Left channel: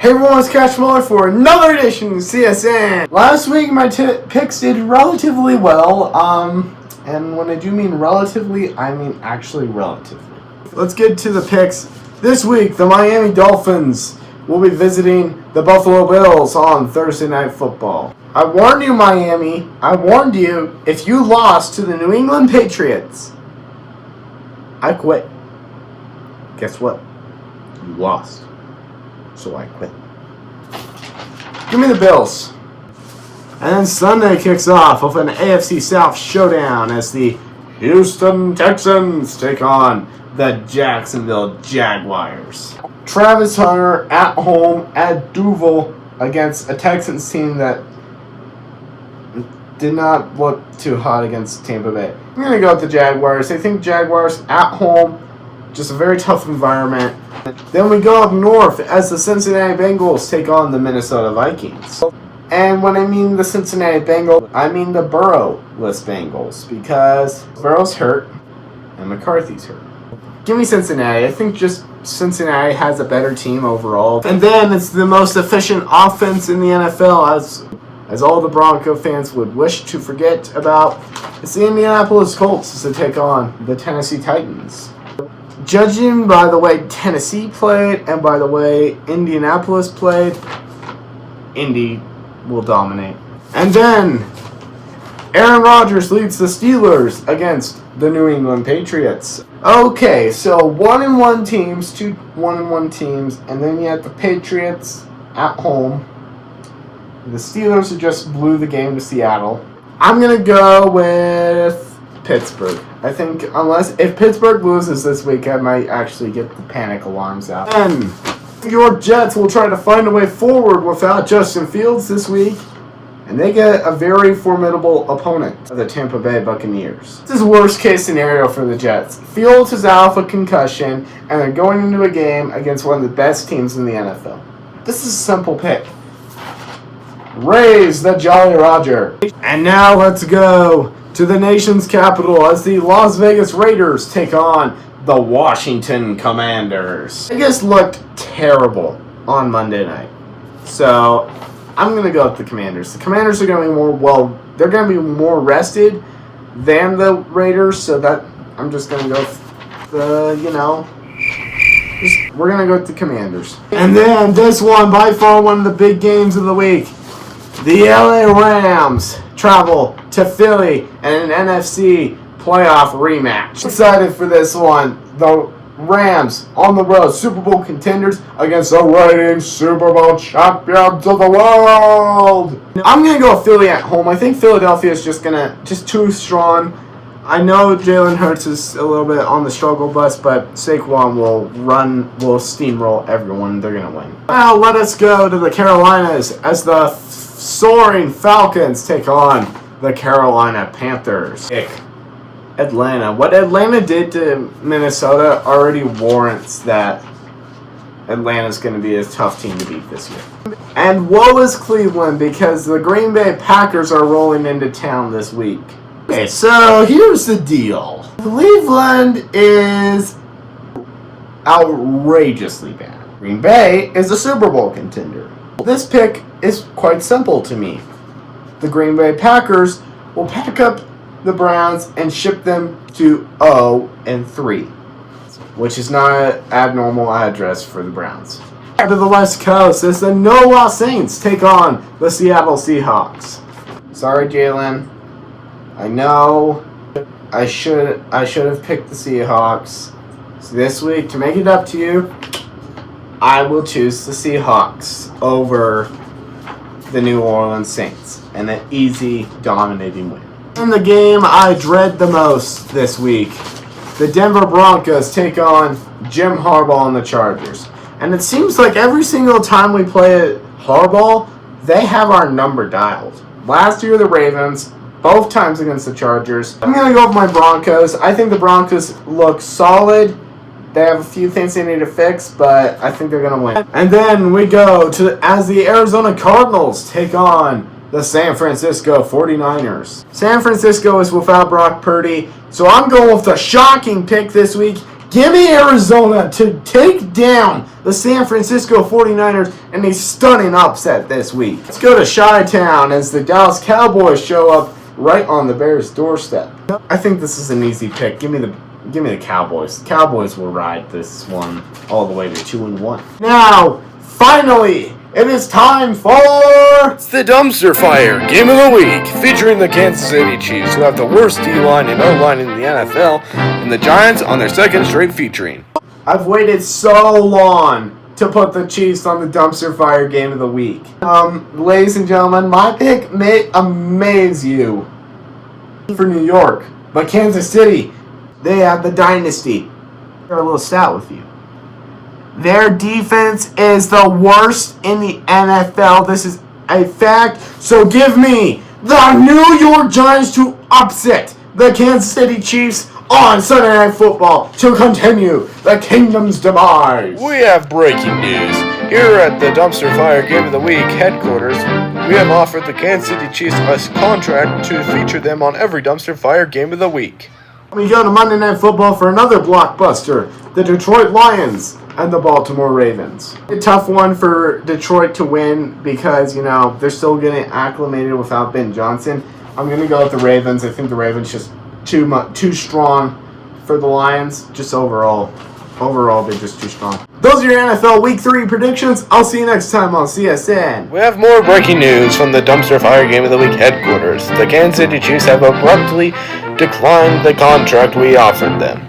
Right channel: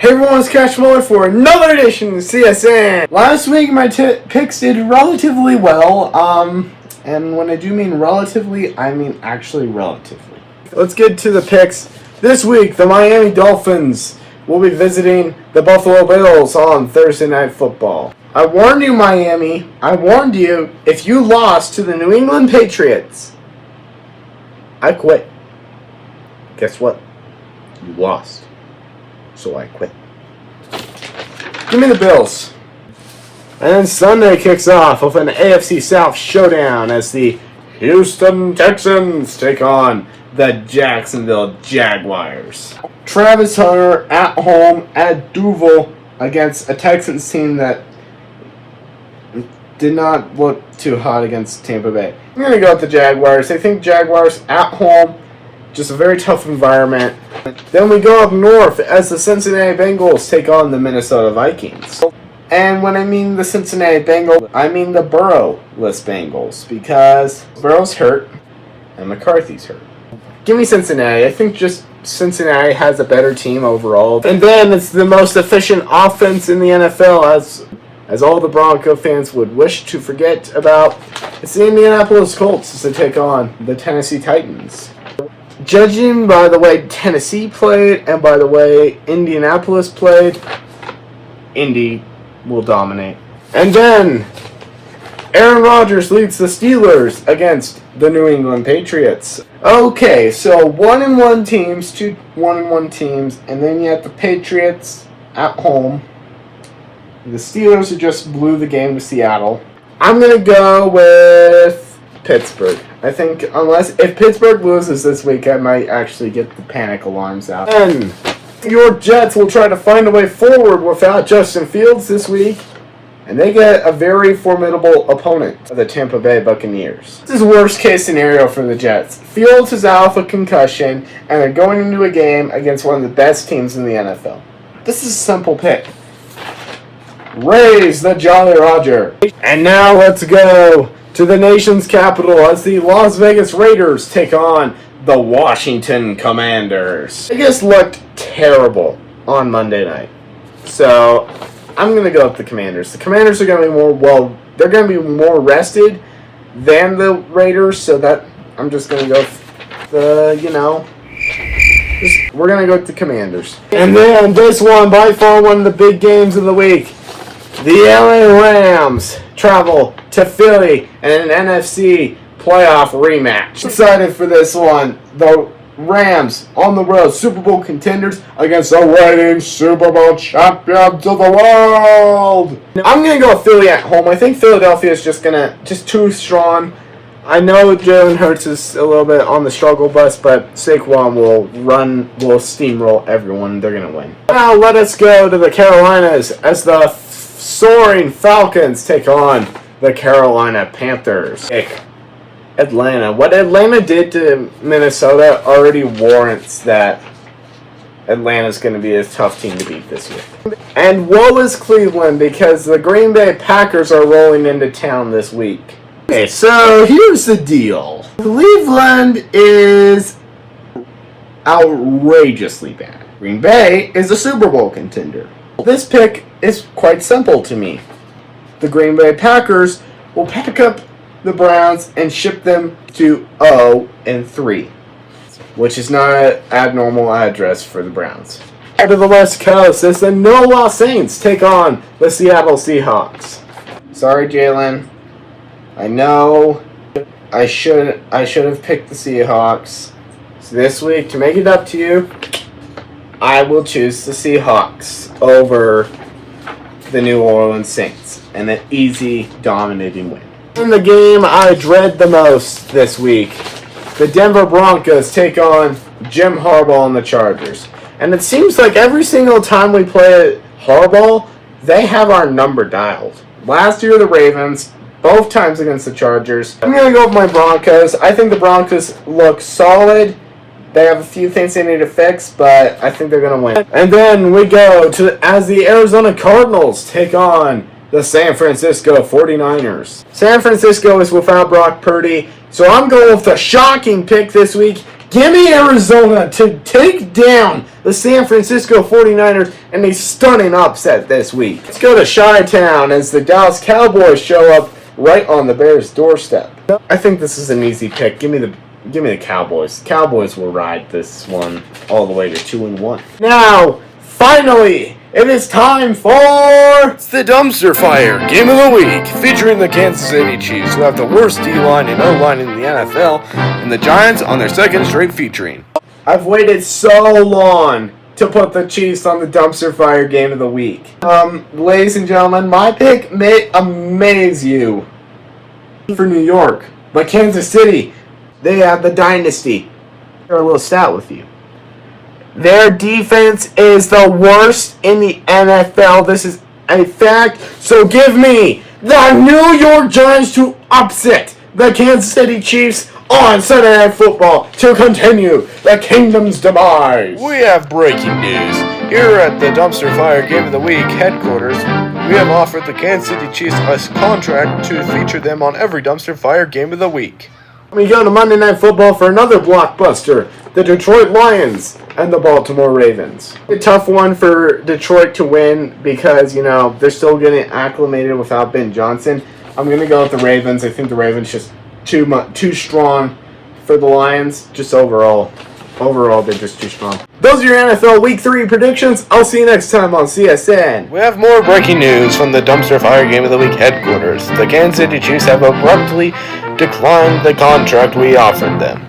Hey everyone, it's Cash Muller for another edition of CSN. Last week my picks did relatively well, and when I do mean relatively, I mean actually relatively. Let's get to the picks. This week, the Miami Dolphins will be visiting the Buffalo Bills on Thursday Night Football. I warned you, Miami. I warned you, if you lost to the New England Patriots, I quit. Guess what? You lost. So I quit. Give me the Bills. And then Sunday kicks off with an AFC South showdown as the Houston Texans take on the Jacksonville Jaguars. Travis Hunter at home at Duval against a Texans team that did not look too hot against Tampa Bay. I'm going to go with the Jaguars. I think Jaguars at home, just a very tough environment. Then we go up north as the Cincinnati Bengals take on the Minnesota Vikings. And when I mean the Cincinnati Bengals, I mean the Burrow-less Bengals, because Burrow's hurt and McCarthy's hurt. Give me Cincinnati. I think just Cincinnati has a better team overall. And then it's the most efficient offense in the NFL, as all the Bronco fans would wish to forget about. It's the Indianapolis Colts to take on the Tennessee Titans. Judging by the way Tennessee played and by the way Indianapolis played, Indy will dominate. And then Aaron Rodgers leads the Steelers against the New England Patriots. Okay, so 1-1 teams, 2 1-1 teams, and then you have the Patriots at home. The Steelers who just blew the game to Seattle. I'm going to go with Pittsburgh. I think if Pittsburgh loses this week, I might actually get the panic alarms out. And your Jets will try to find a way forward without Justin Fields this week, and they get a very formidable opponent, the Tampa Bay Buccaneers. This is worst case scenario for the Jets. Fields is out with a concussion, and they're going into a game against one of the best teams in the NFL. This is a simple pick. Raise the Jolly Roger. And now let's go to the nation's capital as the Las Vegas Raiders take on the Washington Commanders. They just looked terrible on Monday night. So I'm going to go with the Commanders. The Commanders are going to be they're going to be more rested than the Raiders, so that I'm just going to go with we're going to go with the Commanders. And then this one, by far one of the big games of the week. The LA Rams travel to Philly and an NFC playoff rematch. Excited for this one. The Rams on the road, Super Bowl contenders against the reigning Super Bowl champions of the world. I'm going to go with Philly at home. I think Philadelphia is just too strong. I know Jalen Hurts is a little bit on the struggle bus, but Saquon will steamroll everyone. They're going to win. Now let us go to the Carolinas as the soaring Falcons take on the Carolina Panthers. Atlanta. What Atlanta did to Minnesota already warrants that Atlanta's going to be a tough team to beat this year. And woe is Cleveland because the Green Bay Packers are rolling into town this week. Okay, so here's the deal. Cleveland is outrageously bad. Green Bay is a Super Bowl contender. This pick is quite simple to me. The Green Bay Packers will pick up the Browns and ship them to 0-3, which is not an abnormal address for the Browns. Out of the West Coast, as the No Loss Saints take on the Seattle Seahawks. Sorry, Jalen. I know I should have picked the Seahawks. So this week, to make it up to you, I will choose the Seahawks over the New Orleans Saints in an easy, dominating win. In the game I dread the most this week, the Denver Broncos take on Jim Harbaugh and the Chargers. And it seems like every single time we play Harbaugh, they have our number dialed. Last year, the Ravens, both times against the Chargers. I'm going to go with my Broncos. I think the Broncos look solid. They have a few things they need to fix, but I think they're going to win. And then we go as the Arizona Cardinals take on the San Francisco 49ers. San Francisco is without Brock Purdy, so I'm going with the shocking pick this week. Give me Arizona to take down the San Francisco 49ers in a stunning upset this week. Let's go to Chi-Town as the Dallas Cowboys show up right on the Bears' doorstep. I think this is an easy pick. Give me the Cowboys. Cowboys will ride this one all the way to 2-1. Now, finally, it is time for... It's the Dumpster Fire Game of the Week, featuring the Kansas City Chiefs, who have the worst D-line and O-line in the NFL, and the Giants on their second straight featuring. I've waited so long to put the Chiefs on the Dumpster Fire Game of the Week. Ladies and gentlemen, my pick may amaze you. For New York, but Kansas City, they have the dynasty. Share a little stat with you. Their defense is the worst in the NFL. This is a fact. So give me the New York Giants to upset the Kansas City Chiefs on Sunday Night Football to continue the kingdom's demise. We have breaking news. Here at the Dumpster Fire Game of the Week headquarters, we have offered the Kansas City Chiefs a contract to feature them on every Dumpster Fire Game of the Week. We go to Monday Night Football for another blockbuster, the Detroit Lions and the Baltimore Ravens. A tough one for Detroit to win because, you know, they're still getting acclimated without Ben Johnson. I'm going to go with the Ravens. I think the Ravens just too strong for the Lions. Just overall, they're just too strong. Those are your NFL Week 3 predictions. I'll see you next time on CSN. We have more breaking news from the Dumpster Fire Game of the Week headquarters. The Kansas City Chiefs have abruptly declined the contract we offered them.